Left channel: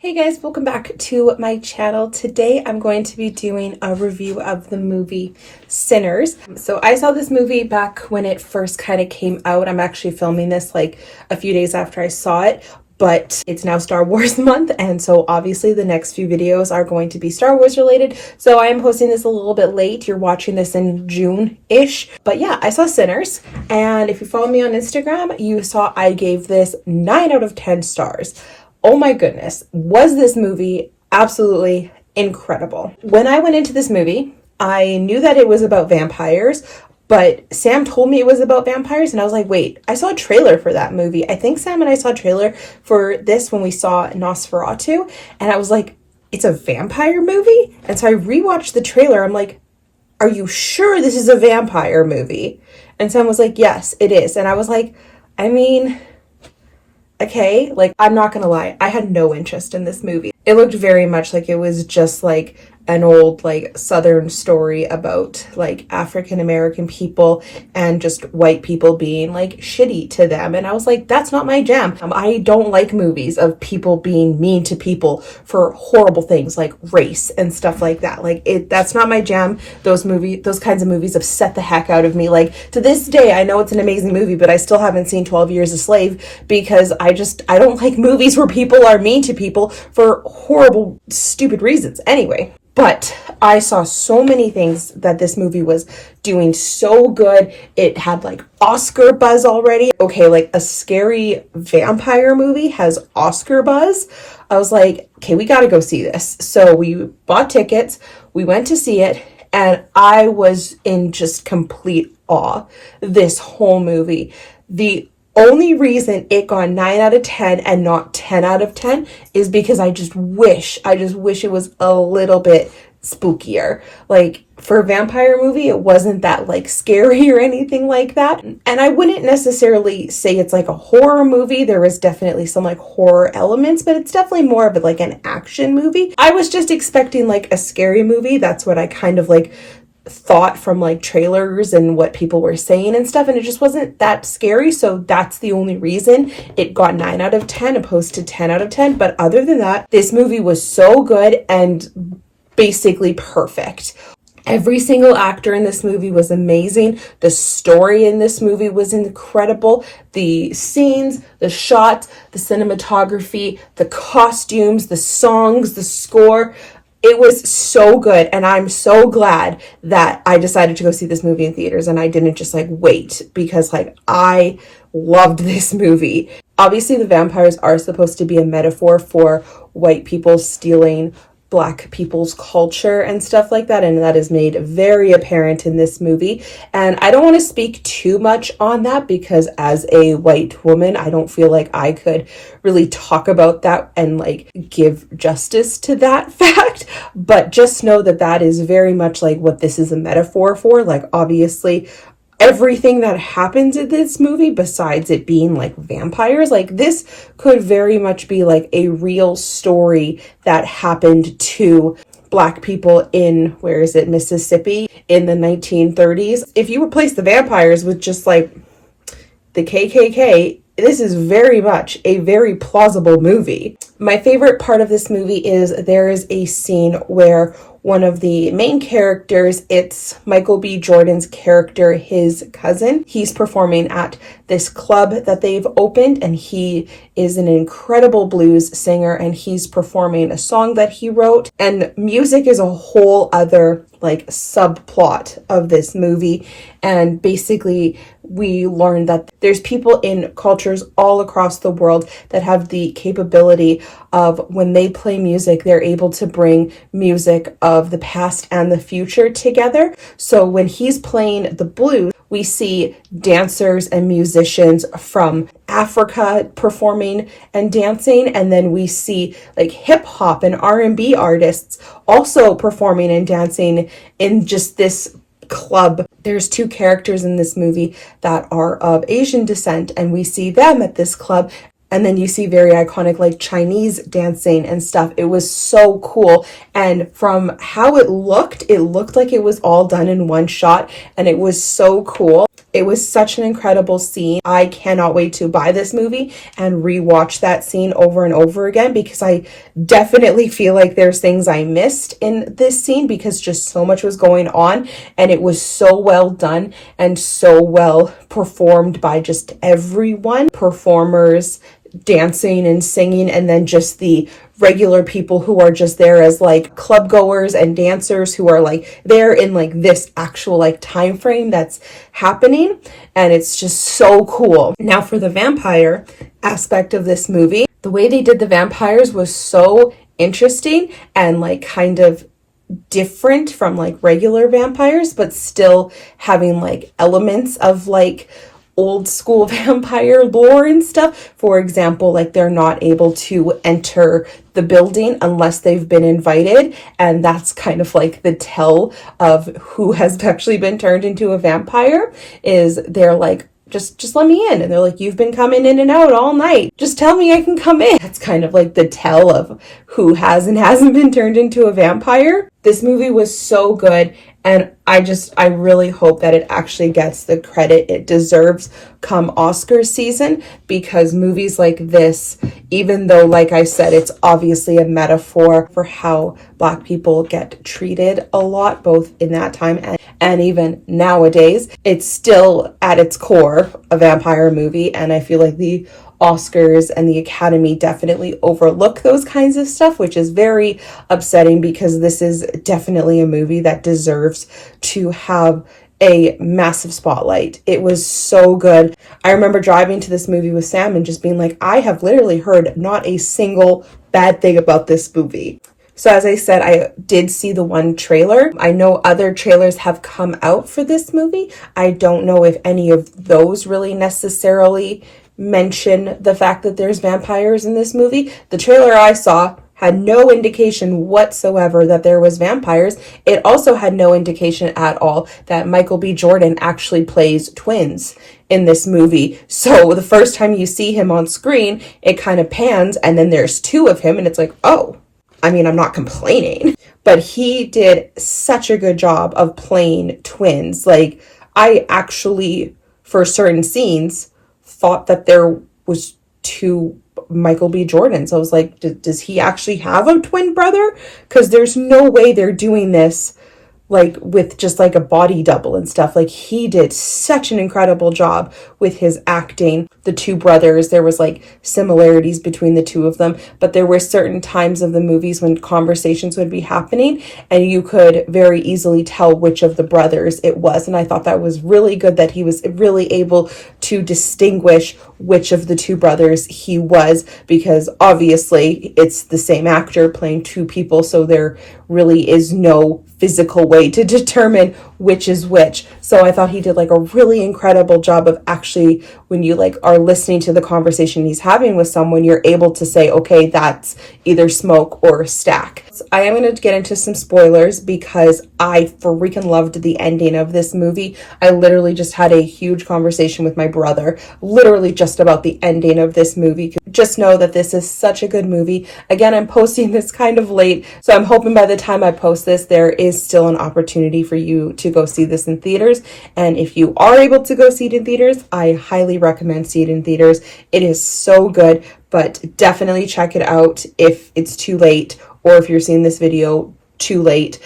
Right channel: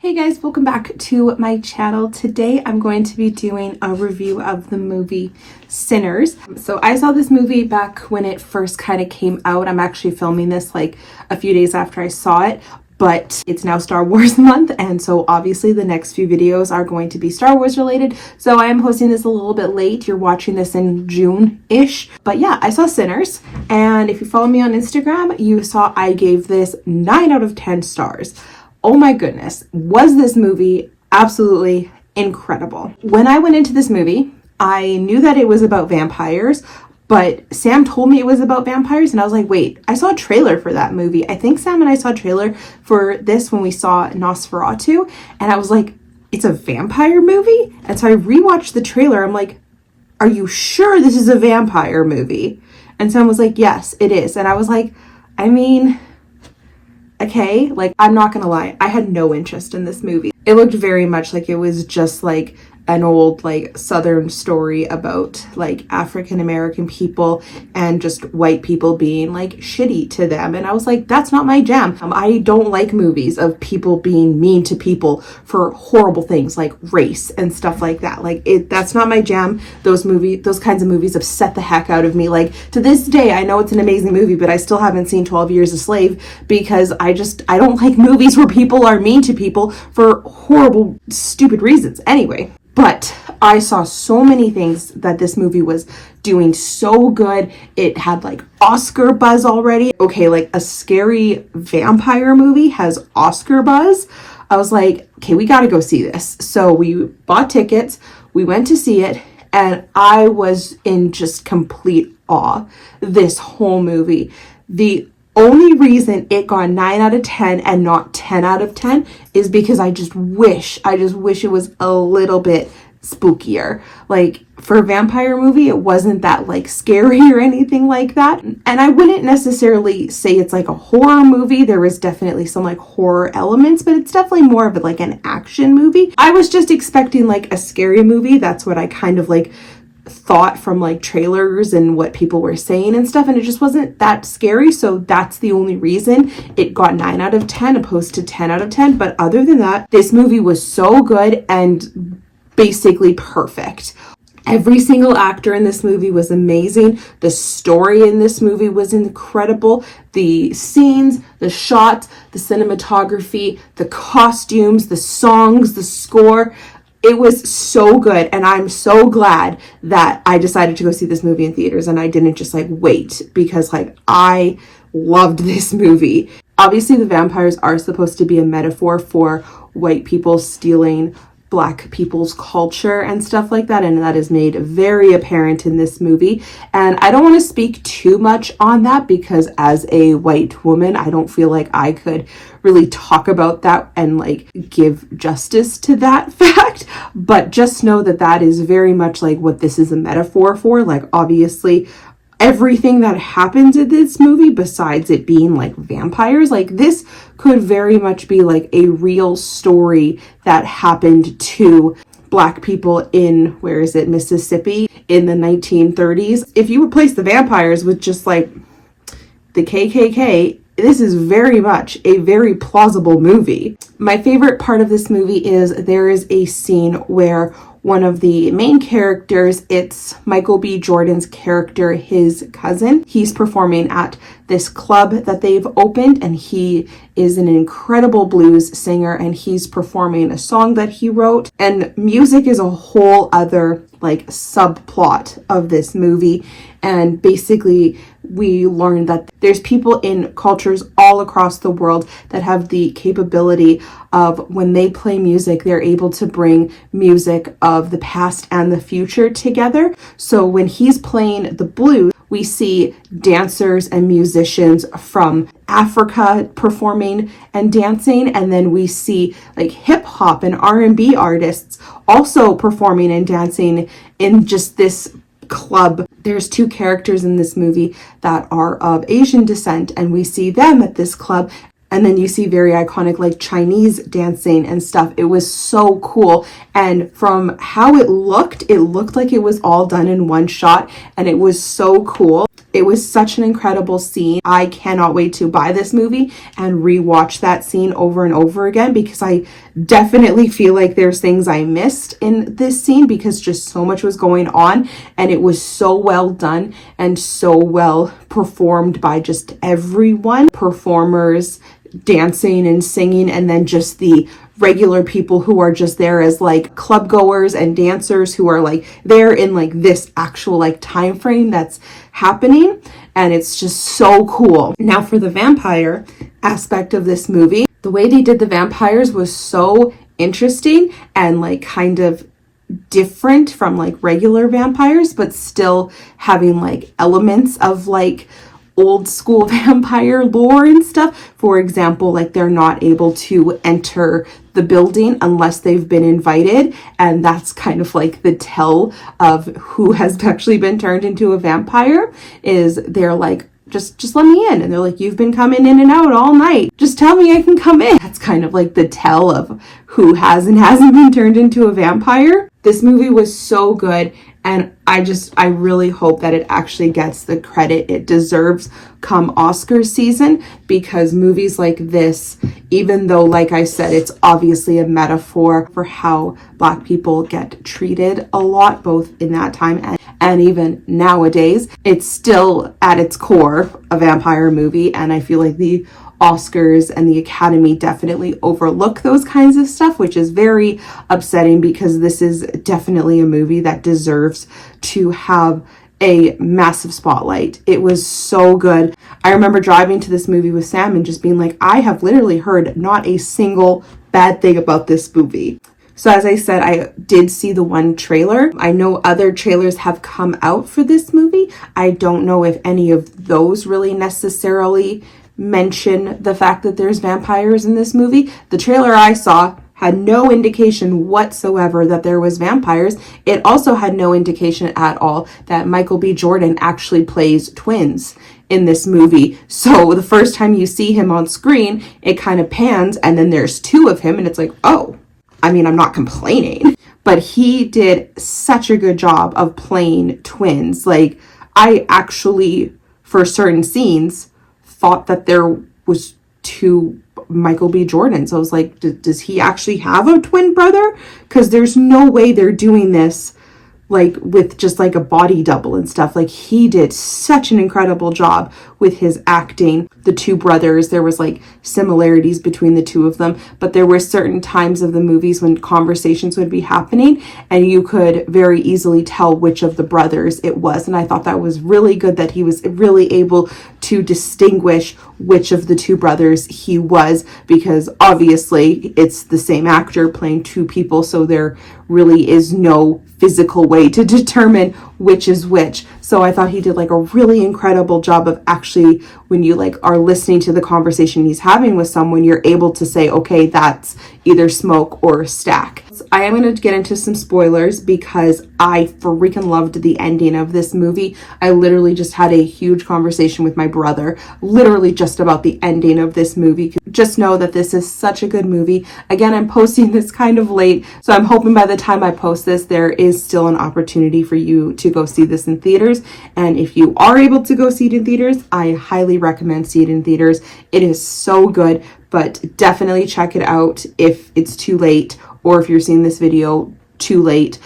Hey guys, welcome back to my channel. Today I'm going to be doing a review of the movie Sinners. So I saw this movie back when it first kind of came out. I'm actually filming this like a few days after I saw it, but it's now Star Wars month, and so obviously the next few videos are going to be Star Wars related. So I am posting this a little bit late. You're watching this in June-ish. But yeah, I saw Sinners, and if you follow me on Instagram, you saw I gave this 9 out of 10 stars. Oh my goodness, was this movie absolutely incredible. When I went into this movie, I knew that it was about vampires, but Sam told me it was about vampires, and I was like, wait, I saw a trailer for that movie. I think Sam and I saw a trailer for this when we saw Nosferatu, and I was like, it's a vampire movie? And so I rewatched the trailer. I'm like, are you sure this is a vampire movie? And Sam was like, yes, it is. And I was like, I mean, okay, like, I'm not gonna lie, I had no interest in this movie. It looked very much like it was just like an old like Southern story about like African American people and just white people being like shitty to them. And I was like, that's not my jam. I don't like movies of people being mean to people for horrible things like race and stuff like that. Like that's not my jam. Those kinds of movies upset the heck out of me. Like to this day, I know it's an amazing movie, but I still haven't seen 12 Years a Slave because I don't like movies where people are mean to people for horrible, stupid reasons. Anyway. But I saw so many things that this movie was doing so good. It had like Oscar buzz already. Okay, like a scary vampire movie has Oscar buzz. I was like, okay, we got to go see this. So we bought tickets, we went to see it, and I was in just complete awe this whole movie. The only reason it got 9 out of 10 and not 10 out of 10 is because I just wish it was a little bit spookier. Like for a vampire movie, it wasn't that like scary or anything like that. And I wouldn't necessarily say it's like a horror movie. There was definitely some like horror elements, but it's definitely more of like an action movie. I was just expecting like a scary movie. That's what I kind of like thought from like trailers and what people were saying and stuff, and it just wasn't that scary. So that's the only reason it got 9 out of 10 opposed to 10 out of 10. But other than that, this movie was so good and basically perfect. Every single actor in this movie was amazing. The story in this movie was incredible. The scenes, the shots, the cinematography, the costumes, the songs, the score, it was so good, and I'm so glad that I decided to go see this movie in theaters and I didn't just like wait, because like I loved this movie. Obviously, the vampires are supposed to be a metaphor for white people stealing Black people's culture and stuff like that, and that is made very apparent in this movie. And I don't want to speak too much on that because as a white woman, I don't feel like I could really talk about that and like give justice to that fact. But just know that that is very much like what this is a metaphor for. Like obviously everything that happens in this movie, besides it being like vampires, like this could very much be like a real story that happened to Black people in, where is it, Mississippi in the 1930s. If you replace the vampires with just like the KKK, this is very much a very plausible movie. My favorite part of this movie is there is a scene where one of the main characters, it's Michael B. Jordan's character, his cousin. He's performing at this club that they've opened, and he is an incredible blues singer, and he's performing a song that he wrote. And music is a whole other like subplot of this movie. And basically we learned that there's people in cultures all across the world that have the capability of, when they play music, they're able to bring music of the past and the future together. So when he's playing the blues, we see dancers and musicians from Africa performing and dancing, and then we see like hip hop and R&B artists also performing and dancing in just this club. There's 2 characters in this movie that are of Asian descent, and we see them at this club. And then you see very iconic like Chinese dancing and stuff. It was so cool. And from how it looked like it was all done in one shot, and it was so cool. It was such an incredible scene. I cannot wait to buy this movie and rewatch that scene over and over again, because I definitely feel like there's things I missed in this scene because just so much was going on, and it was so well done and so well performed by just everyone, performers, dancing and singing, and then just the regular people who are just there as like club goers and dancers who are like there in like this actual like time frame that's happening. And it's just so cool. Now for the vampire aspect of this movie, the way they did the vampires was so interesting and like kind of different from like regular vampires, but still having like elements of like old school vampire lore and stuff. For example, like they're not able to enter the building unless they've been invited, and that's kind of like the tell of who has actually been turned into a vampire, is they're like, just let me in. And they're like, you've been coming in and out all night. Just tell me I can come in. That's kind of like the tell of who has and hasn't been turned into a vampire. This movie was so good. And I really hope that it actually gets the credit it deserves come Oscar season, because movies like this, even though, like I said, it's obviously a metaphor for how Black people get treated a lot, both in that time and even nowadays, it's still at its core a vampire movie. And I feel like the Oscars and the Academy definitely overlook those kinds of stuff, which is very upsetting, because this is definitely a movie that deserves to have a massive spotlight. It was so good. I remember driving to this movie with Sam and just being like, I have literally heard not a single bad thing about this movie. So as I said, I did see the one trailer. I know other trailers have come out for this movie. I don't know if any of those really necessarily mention the fact that there's vampires in this movie. The trailer I saw had no indication whatsoever that there was vampires. It also had no indication at all that Michael B. Jordan actually plays twins in this movie. So the first time you see him on screen, it kind of pans and then there's two of him and it's like, oh, I mean, I'm not complaining, but he did such a good job of playing twins. Like, I actually, for certain scenes, thought that there was two Michael B. Jordans. I was like, does he actually have a twin brother? Because there's no way they're doing this like with just like a body double and stuff. Like, he did such an incredible job with his acting. The two brothers, there was like similarities between the two of them, but there were certain times of the movies when conversations would be happening and you could very easily tell which of the brothers it was. And I thought that was really good, that he was really able to distinguish which of the two brothers he was, because obviously it's the same actor playing two people, so there really is no physical way to determine which is which. So I thought he did like a really incredible job of actually, when you like are listening to the conversation he's having with someone, you're able to say, okay, that's either Smoke or Stack. I am going to get into some spoilers because I freaking loved the ending of this movie. I literally just had a huge conversation with my brother, literally just about the ending of this movie. Just know that this is such a good movie. Again, I'm posting this kind of late, so I'm hoping by the time I post this, there is still an opportunity for you to go see this in theaters. And if you are able to go see it in theaters, I highly recommend see it in theaters. It is so good, but definitely check it out if it's too late, or if you're seeing this video too late.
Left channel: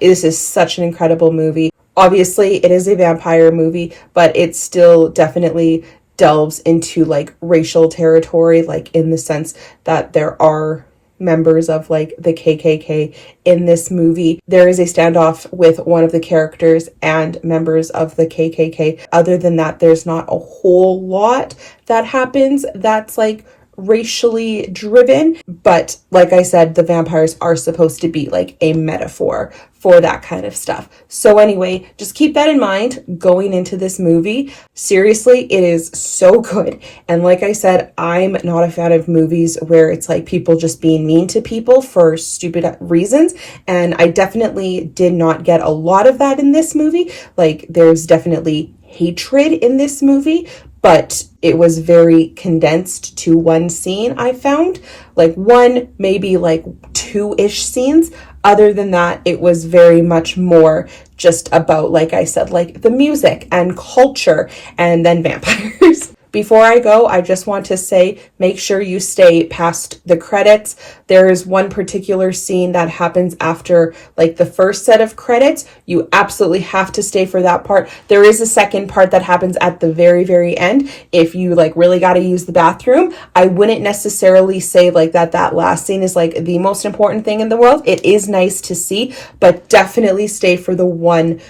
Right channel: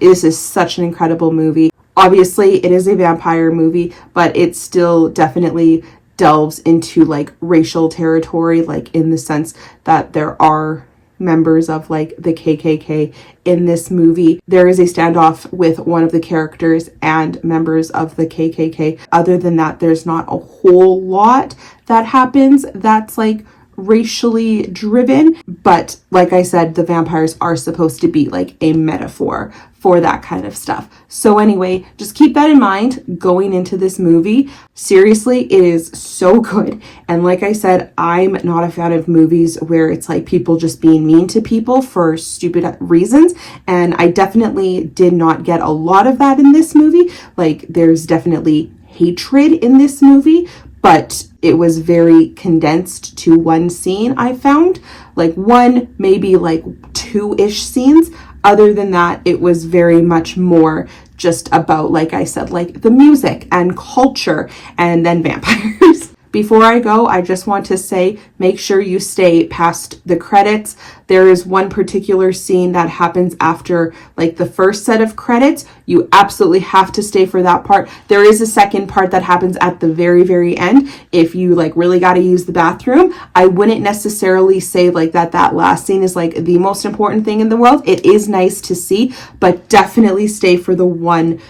This is such an incredible movie. Obviously, it is a vampire movie, but it still definitely delves into like racial territory, like in the sense that there are members of like the KKK in this movie. There is a standoff with one of the characters and members of the KKK. Other than that, there's not a whole lot that happens that's like racially driven, but like I said, the vampires are supposed to be like a metaphor for that kind of stuff. So anyway, just keep that in mind going into this movie. Seriously, it is so good. And like I said, I'm not a fan of movies where it's like people just being mean to people for stupid reasons. And I definitely did not get a lot of that in this movie. Like, there's definitely hatred in this movie, but it was very condensed to one scene. I found like one, maybe like two-ish scenes. Other than that, it was very much more just about, like I said, like the music and culture and then vampires. Before I go, I just want to say, make sure you stay past the credits. There is one particular scene that happens after like the first set of credits. You absolutely have to stay for that part. There is a second part that happens at the very, very end. If you like really got to use the bathroom, I wouldn't necessarily say like that last scene is like the most important thing in the world. It is nice to see, but definitely stay for the one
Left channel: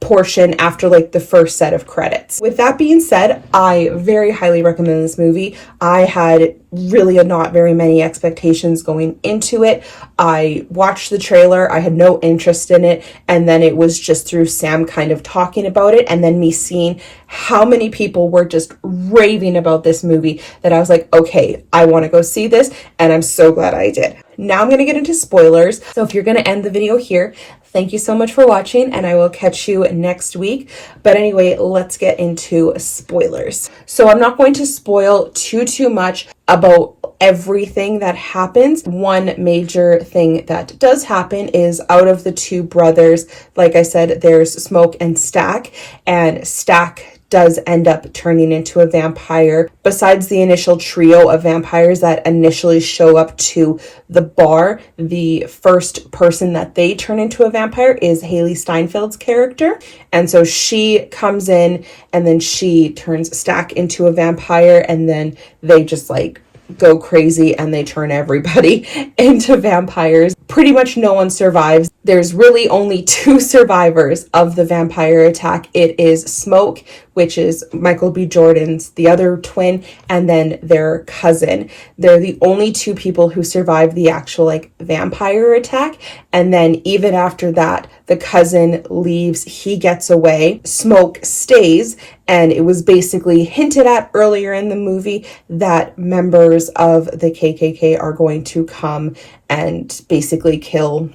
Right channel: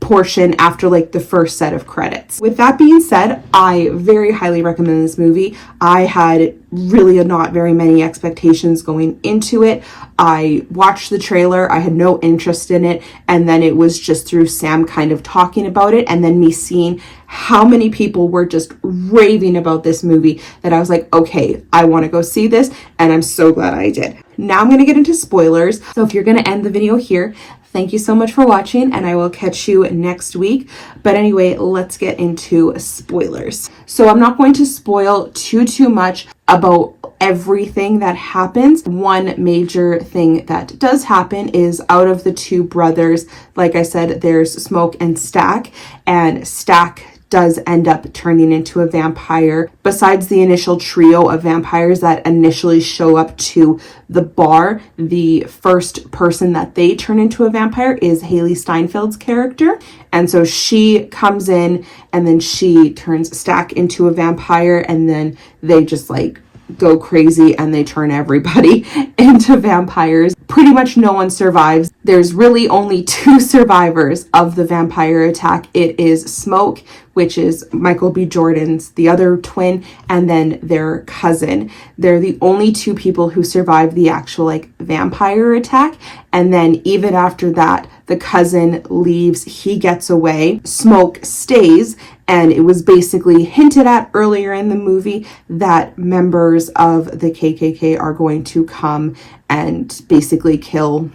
portion after like the first set of credits. With that being said, I very highly recommend this movie. I had really not very many expectations going into it. I watched the trailer, I had no interest in it, and then it was just through Sam kind of talking about it and then me seeing how many people were just raving about this movie that I was like, okay, I want to go see this, and I'm so glad I did. Now I'm going to get into spoilers. So if you're going to end the video here, thank you so much for watching, and I will catch you next week. But anyway, let's get into spoilers. So I'm not going to spoil too much about everything that happens. One major thing that does happen is out of the two brothers, like I said, there's Smoke and Stack, and Stack does end up turning into a vampire. Besides the initial trio of vampires that initially show up to the bar, the first person that they turn into a vampire is Haley Steinfeld's character. And so she comes in and then she turns Stack into a vampire, and then they just like go crazy and they turn everybody into vampires. Pretty much no one survives. There's really only two survivors of the vampire attack. It is Smoke, which is Michael B. Jordan's the other twin, and then their cousin. They're the only two people who survived the actual like vampire attack. And then even after that, the cousin leaves, he gets away, Smoke stays, and it was basically hinted at earlier in the movie that members of the KKK are going to come and basically kill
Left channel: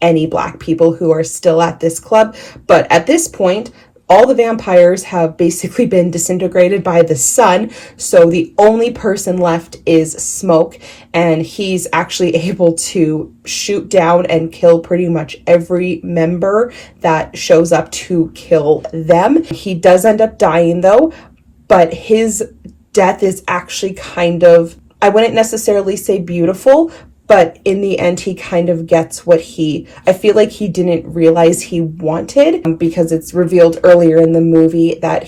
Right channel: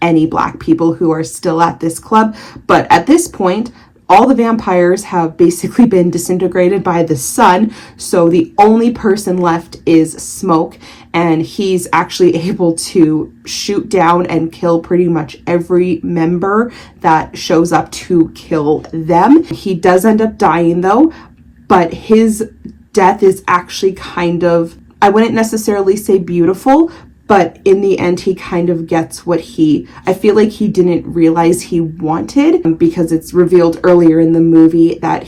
any Black people who are still at this club. But at this point, all the vampires have basically been disintegrated by the sun, so the only person left is Smoke, and he's actually able to shoot down and kill pretty much every member that shows up to kill them. He does end up dying though, but his death is actually kind of, I wouldn't necessarily say beautiful, but in the end, he kind of gets what I feel like he didn't realize he wanted, because it's revealed earlier in the movie that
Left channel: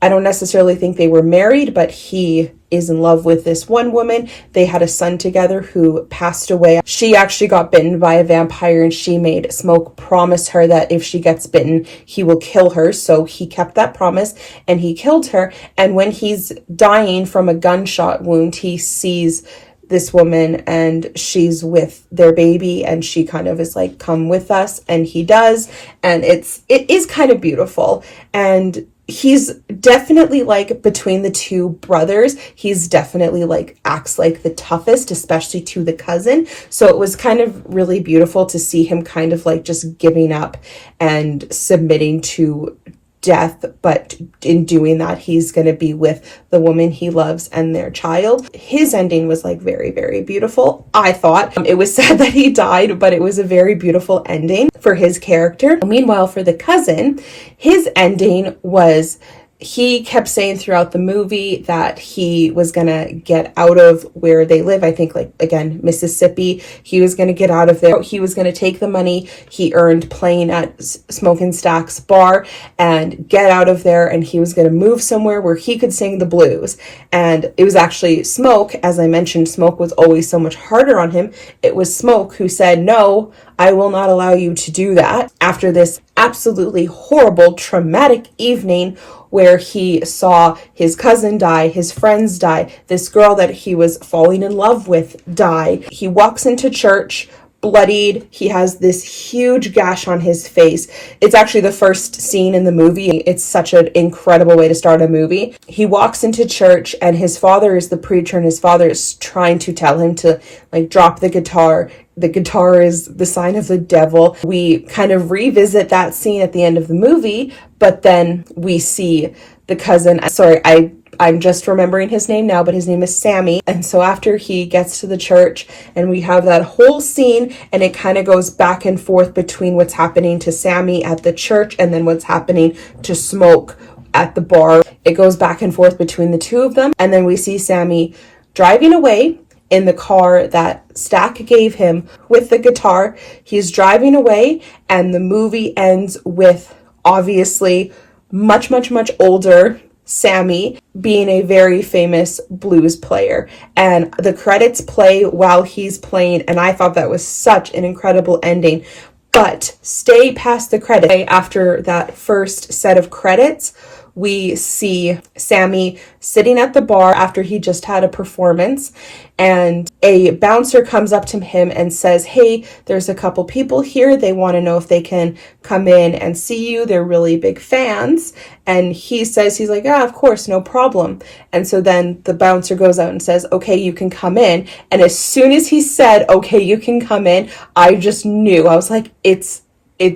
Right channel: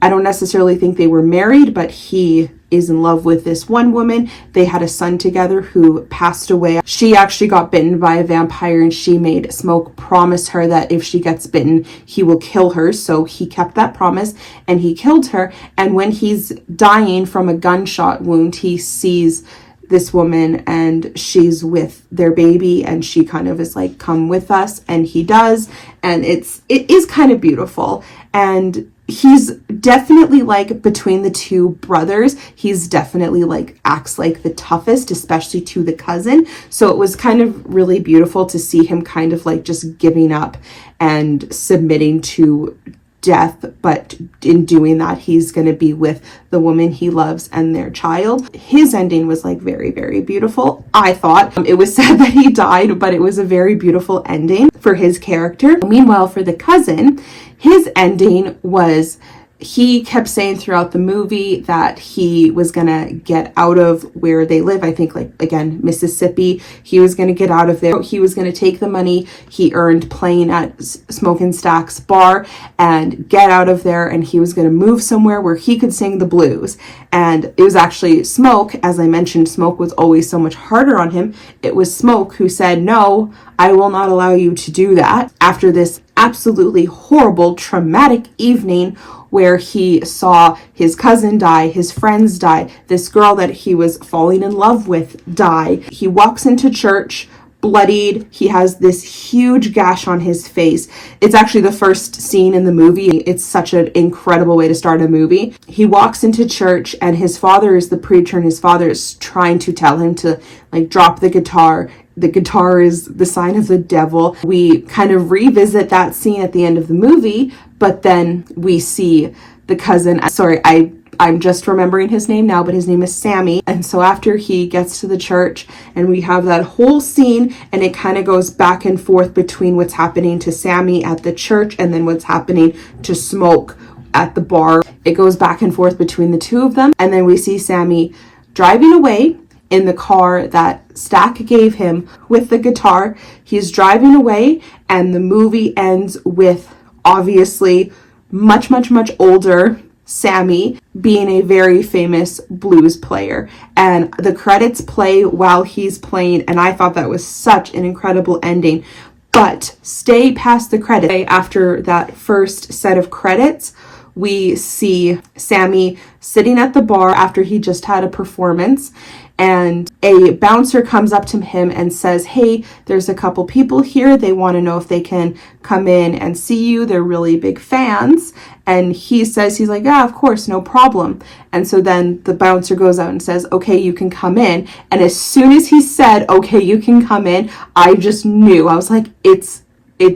I don't necessarily think they were married, but he is in love with this one woman. They had a son together who passed away. She actually got bitten by a vampire, and she made Smoke promise her that if she gets bitten, he will kill her. So he kept that promise and he killed her. And when he's dying from a gunshot wound, he sees this woman and she's with their baby, and she kind of is like, come with us, and he does, and it is kind of beautiful. And he's definitely like, between the two brothers, he's definitely like acts like the toughest, especially to the cousin. So it was kind of really beautiful to see him kind of like just giving up and submitting to death, but in doing that, he's going to be with the woman he loves and their child. His ending was like very, very beautiful. I thought it was sad that he died, but it was a very beautiful ending for his character. Meanwhile, for the cousin, his ending was, he kept saying throughout the movie that he was gonna get out of where they live. I think, like, again, Mississippi. He was gonna get out of there. He was gonna take the money he earned playing at Smoke and Stack's bar and get out of there, and he was gonna move somewhere where he could sing the blues. And it was actually Smoke, as I mentioned, Smoke was always so much harder on him. It was Smoke who said, no, I will not allow you to do that. After this absolutely horrible, traumatic evening where he saw his cousin die, his friends die, this girl that he was falling in love with die. He walks into church bloodied. He has this huge gash on his face. It's actually the first scene in the movie. It's such an incredible way to start a movie. He walks into church and his father is the preacher, and his father is trying to tell him to like drop the guitar. The guitar is the sign of the devil. We kind of revisit that scene at the end of the movie, but then we see the cousin. Sorry, I I'm just remembering his name now, but his name is Sammy. And so after he gets to the church and we have that whole scene, and it kind of goes back and forth between what's happening to Sammy at the church and then what's happening to Smoke at the bar. It goes back and forth between the two of them. And then we see Sammy driving away in the car that Stack gave him with the guitar. He's driving away, and the movie ends with obviously much older Sammy being a very famous blues player, and the credits play while he's playing, and I thought that was such an incredible ending. But stay past the credits. After that first set of credits, we see Sammy sitting at the bar after he just had a performance, and a bouncer comes up to him and says, hey, there's a couple people here. They want to know if they can come in and see you. They're really big fans. And he says, he's like, yeah, of course, no problem. And so then the bouncer goes out and says, okay, you can come in. And as soon as he said, okay, you can come in, I just knew. I was like, it's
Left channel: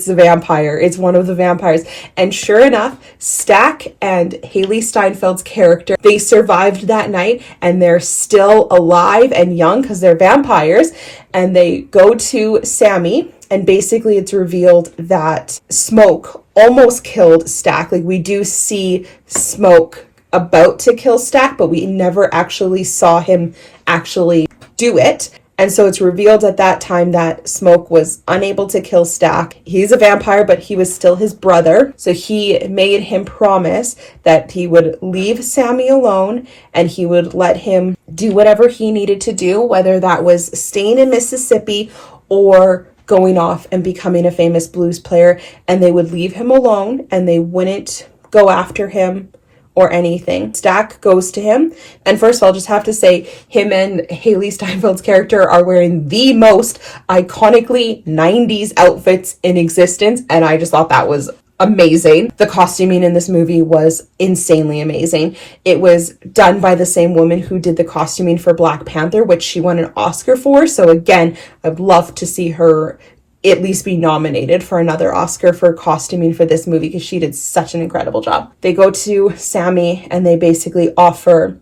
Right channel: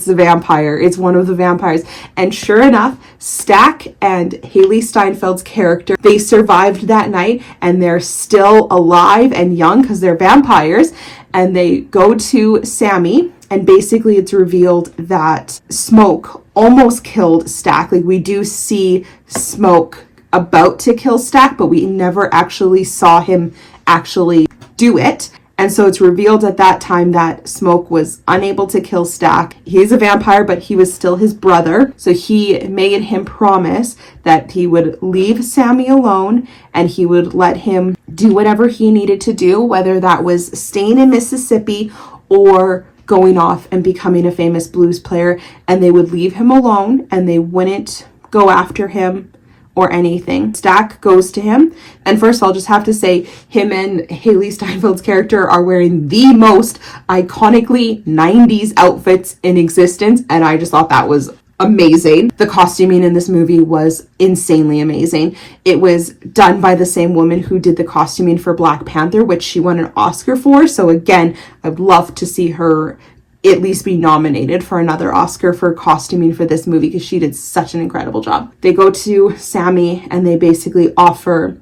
a vampire. It's one of the vampires. And sure enough, Stack and Haley Steinfeld's character, they survived that night, and they're still alive and young because they're vampires. And they go to Sammy, and basically it's revealed that Smoke almost killed Stack. Like, we do see Smoke about to kill Stack, but we never actually saw him actually do it. And so it's revealed at that time that Smoke was unable to kill Stack. He's a vampire, but he was still his brother. So he made him promise that he would leave Sammy alone and he would let him do whatever he needed to do, whether that was staying in Mississippi or going off and becoming a famous blues player. And they would leave him alone and they wouldn't go after him or anything. Stack goes to him, and first I'll just have to say, him and Haley Steinfeld's character are wearing the most iconically 90s outfits in existence, and I just thought that was amazing. The costuming in this movie was insanely amazing. It was done by the same woman who did the costuming for Black Panther, which she won an Oscar for. So again, I'd love to see her at least be nominated for another Oscar for costuming for this movie, because she did such an incredible job. They go to Sammy and they basically offer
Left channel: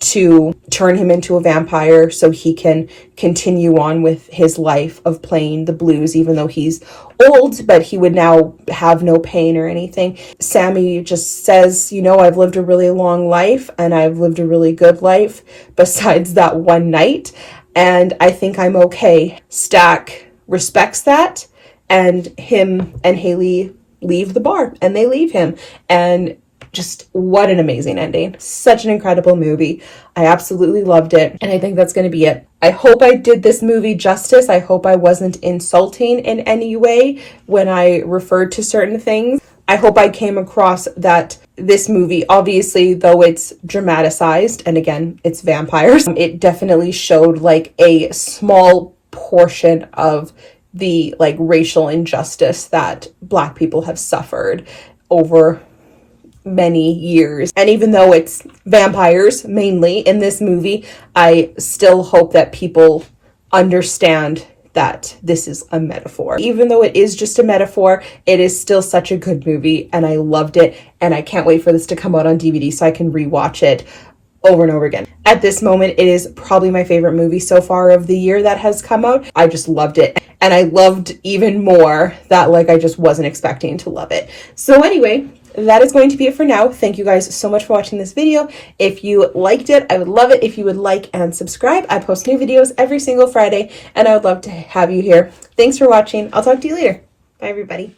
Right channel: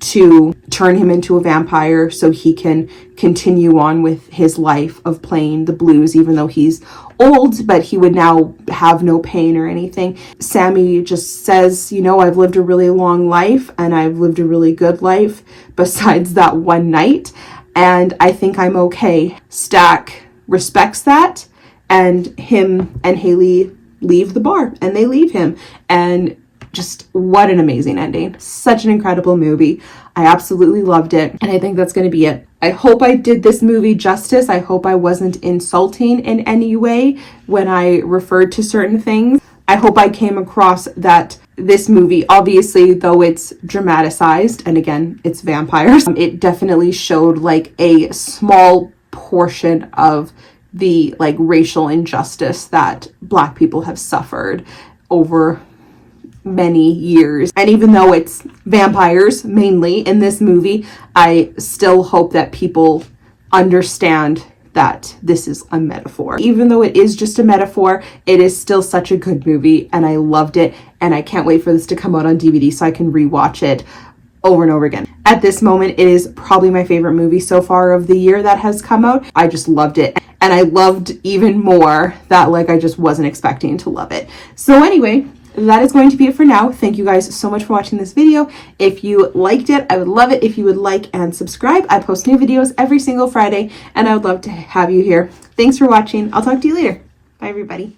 to turn him into a vampire so he can continue on with his life of playing the blues, even though he's old, but he would now have no pain or anything. Sammy just says, you know, I've lived a really long life and I've lived a really good life besides that one night, and I think I'm okay. Stack respects that, and him and Haley leave the bar and they leave him, and just what an amazing ending. Such an incredible movie. I absolutely loved it, and I think that's going to be it. I hope I did this movie justice. I hope I wasn't insulting in any way when I referred to certain things. I hope I came across that this movie, obviously, though it's dramatized, and again, it's vampires, it definitely showed like a small portion of the like racial injustice that Black people have suffered over many years. And even though it's vampires mainly in this movie, I still hope that people understand that this is a metaphor. Even though it is just a metaphor, it is still such a good movie, and I loved it, and I can't wait for this to come out on DVD so I can rewatch it over and over again. At this moment, it is probably my favorite movie so far of the year that has come out. I just loved it. And I loved even more that like I just wasn't expecting to love it. So anyway, that is going to be it for now. Thank you guys so much for watching this video. If you liked it, I would love it if you would like and subscribe. I post new videos every single Friday, and I would love to have you here. Thanks for watching. I'll talk to you later. Bye, everybody.